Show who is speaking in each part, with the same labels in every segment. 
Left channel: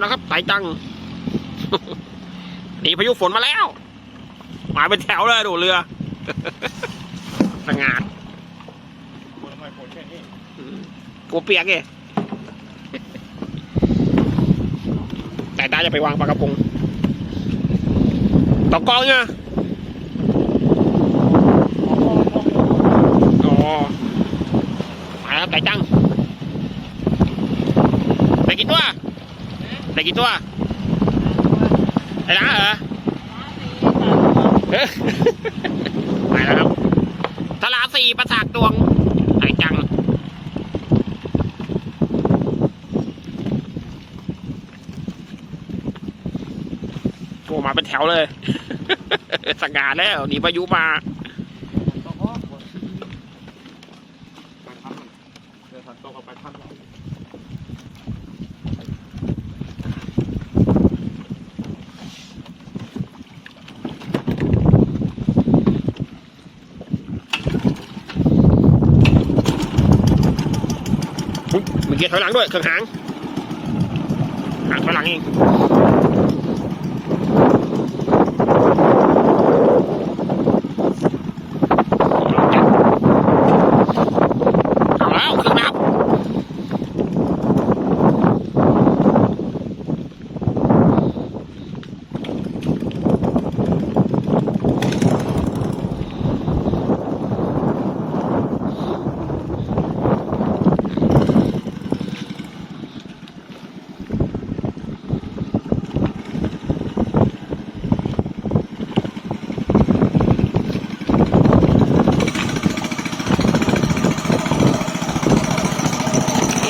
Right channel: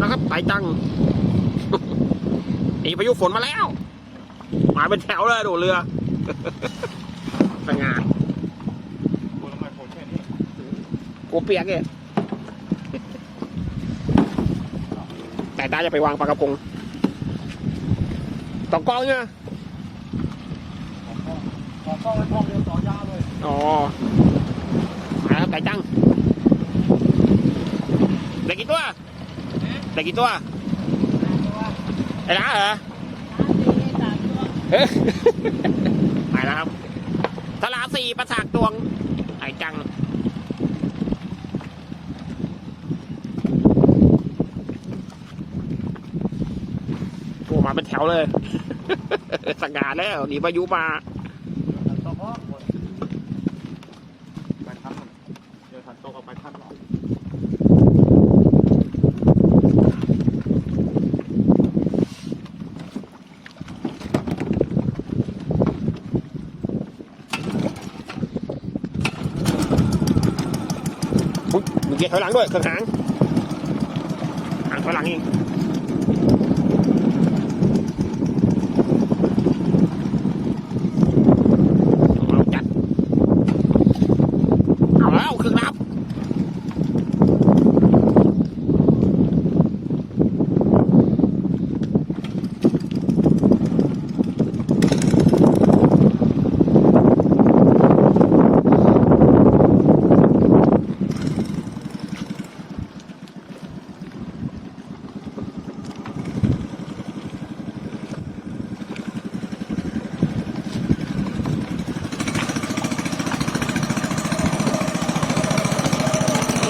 Speaker 1: แล้วครับไต่จังหนีพายุฝนมาแล้วมาเป็นแถวเลยดูเรือสง่ากูเปียกเองแต่ตาจะไปวางปลากระพงตอกกองเนี่ยอ๋อมาแล้วครับไก่จังได้กี่ตัว ได้กี่ตัวไอ้ล้าเหรอเอ้ยมาแล้วครับทลาสีประสากตวงไอ้จังโอ้มาเป็นแถวเลยสงาแล้วหนีพายุมา
Speaker 2: เดี๋ยวถัดตรงออกไปทำหรอ
Speaker 1: เกียร์ถอยหลังด้วยเครื่องหางหางถอยหลังเองเอาแล้วเครื่องนับ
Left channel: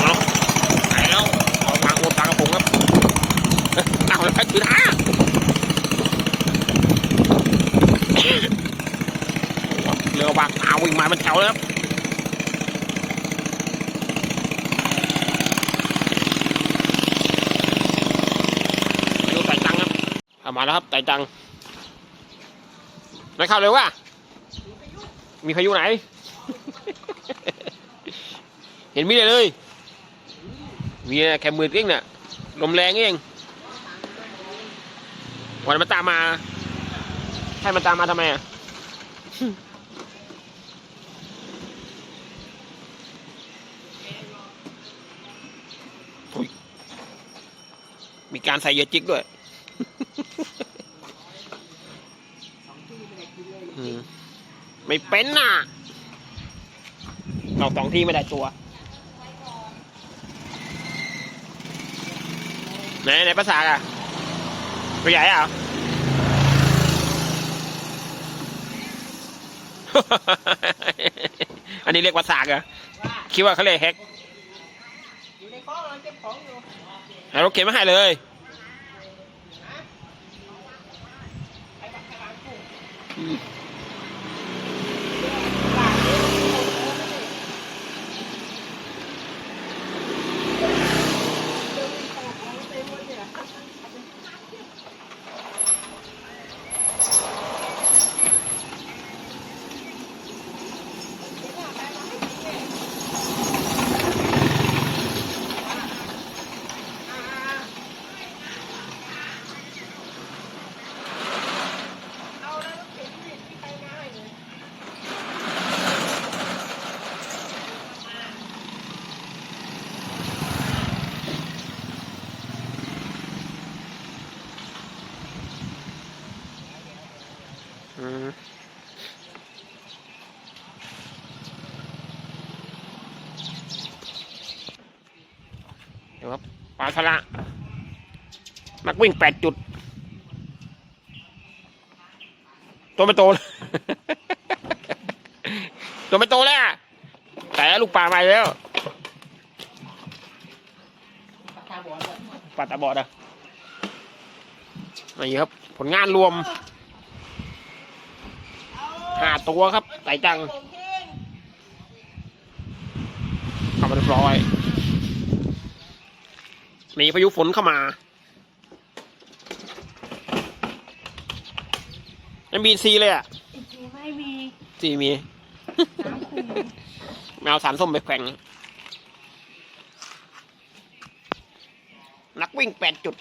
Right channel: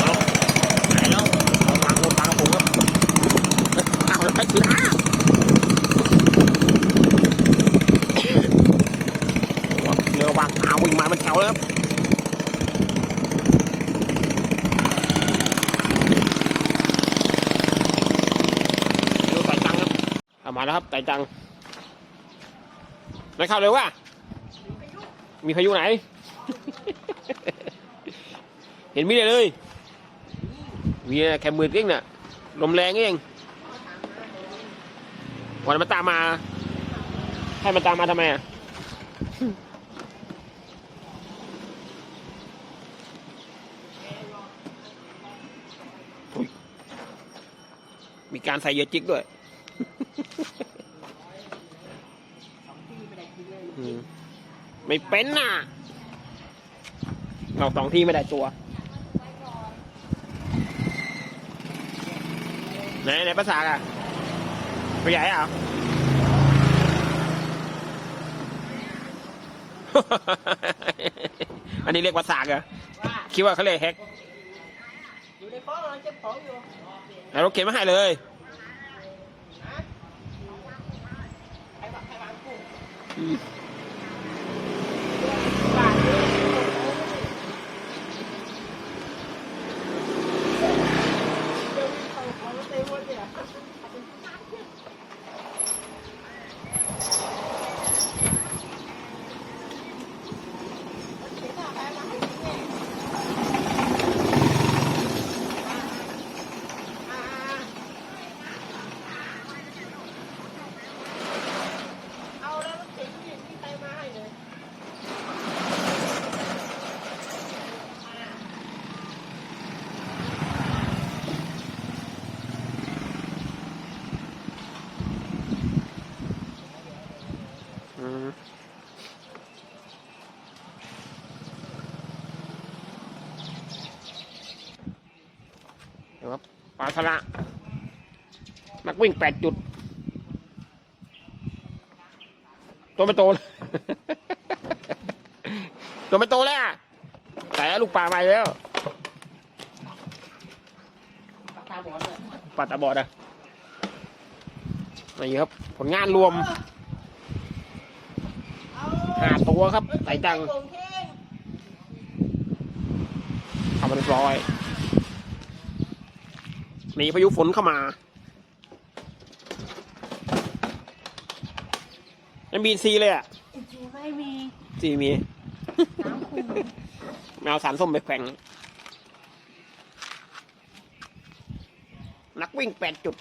Speaker 1: เอาไหนแล้วเอาวางบนปลากระพงครับเอาแล้วไปถือหาเรือ วิ่งมาเป็นแถวเลยครับดูไต่ตังครับเอามาแล้วครับไต่ตังไม่เข้าเร็วว่ะมีพายุไหน เห็นมีเลยเลยมีแค่มือเองเนี่ยลมแรงเองวันนนมันตามมา ให้มันตามมาทำไมอะ มีการใส่เหยอะจิกด้วยอืมไม่เป็นน่ะเราสองที่ไม่ได้ตัวไหนไหนภาษาอะตัวใหญ่อะอันนี้เรียกภาษาเหรอ
Speaker 3: ว่า
Speaker 1: คิดว่าเขาเรียกแฮก
Speaker 3: อยู่ในคลองกำลังเก็บของอยู่
Speaker 1: เอารถเข็นมาให้เลยอืม
Speaker 3: บ่ายนี้เราไปโผล่โอ้ไม่ได้เดินเข้าของแล้วไปหมดเนี่ยเดี๋ยวหน้าใครมาให้กินเนี่ยอ่าเอาแล้วมันเข็นที่ที่ใครมาให้เลย
Speaker 1: อืมเดี๋ยวครับ ปลาทะละนักวิ่งแปดจุด ตัวไม่โตเลยตัวไม่โตแล้วแต่ลูกปลามาแล้ว
Speaker 3: ตาบอดเลย
Speaker 1: ปลาตาบอดอะนี่ครับ ผลงานรวมห้าตัวครับไต่จังทำเรียบร้อย หนีพายุฝนเข้ามายังบีซีเลยอะ
Speaker 3: อีกอยู่ไม่มี
Speaker 1: ซีมี
Speaker 3: น้ำขุ่น
Speaker 1: แมวสารส้มไปแขวงนักวิ่งแปดจุด